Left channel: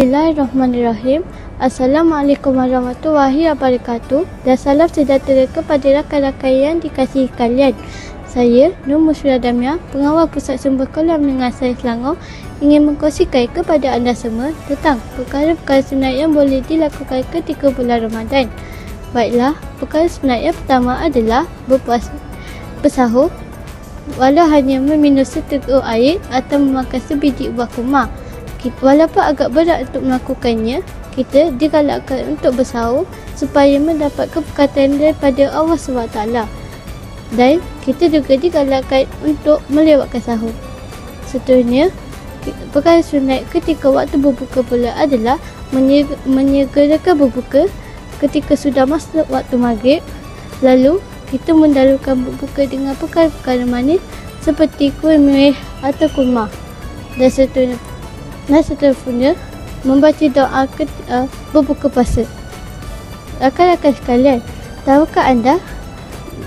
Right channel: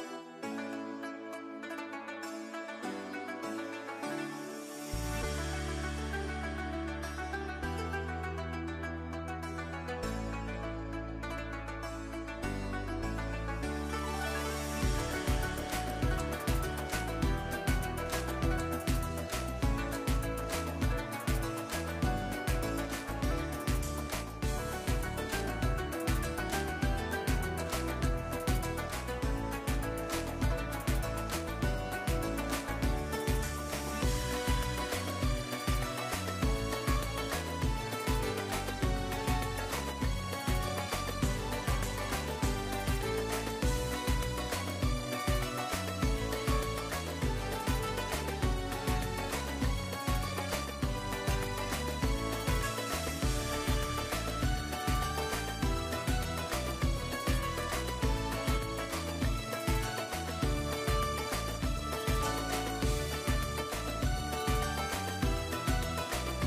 Bismillahirrahmanirrahim. Assalamualaikum warahmatullahi wabarakatuh. Dan salam sejahtera kepada rakan-rakan yang dikasihi kalian. Saya Nur Musfidah Damia, pengawal Pusat Sumber Kolam Menengah Sains Selangor, ingin mengkongsikan kepada anda semua tentang perkara-perkara sunat yang boleh dilakukan ketika bulan Ramadan. Baiklah, perkara sunat yang pertama adalah bersahur walau hanya meminum seteguk air atau memakan sebiji buah kurma. Walaupun agak berat untuk melakukannya, kita digalakkan untuk bersahur supaya mendapat keberkatan daripada Allah SWT. Dan kita juga digalakkan untuk melewatkan sahur. Seterusnya, perkara sunat ketika waktu berbuka pula adalah menyegerakan berbuka ketika sudah masuk waktu maghrib. Lalu, kita mendahulukan berbuka dengan perkara-perkara manis seperti kuih merah atau kurma. Dan seterusnya, membaca doa berbuka puasa. Rakan-rakan sekalian, tahukah anda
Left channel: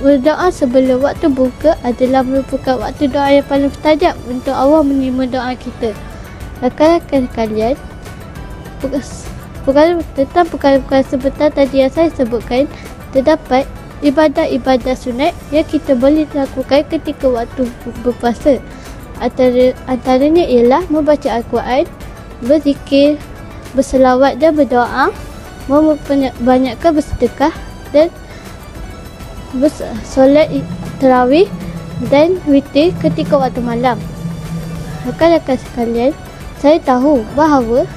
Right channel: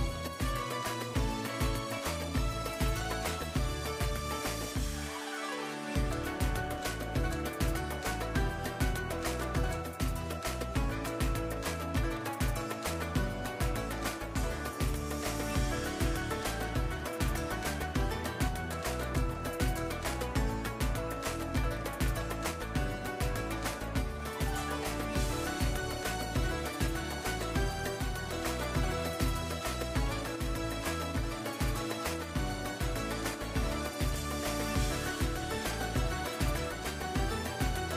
berdoa sebelum waktu buka adalah merupakan waktu doa yang paling mustajab untuk Allah menerima doa kita. Rakan-rakan sekalian, tentang perkara-perkara sebentar tadi yang saya sebutkan, terdapat ibadat-ibadat sunat yang kita boleh lakukan ketika waktu berpuasa. Antaranya ialah membaca Al-Quran, berzikir, berselawat dan berdoa, membanyakkan bersedekah dan solat tarawih dan witir ketika waktu malam. Rakan-rakan sekalian, saya tahu bahawa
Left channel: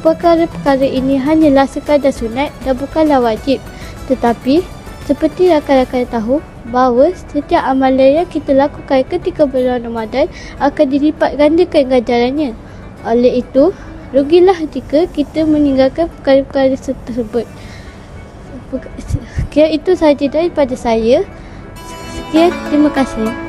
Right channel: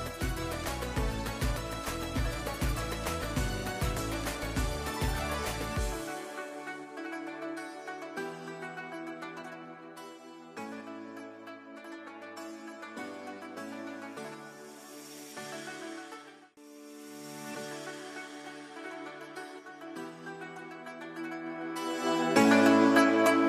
perkara-perkara ini hanyalah sekadar sunat dan bukanlah wajib. Tetapi, seperti rakan-rakan tahu bahawa setiap amalan yang kita lakukan ketika bulan Ramadan akan dilipat gandakan ganjarannya. Oleh itu, rugilah jika kita meninggalkan perkara-perkara tersebut. Sekian itu sahaja daripada saya. Sekian, terima kasih.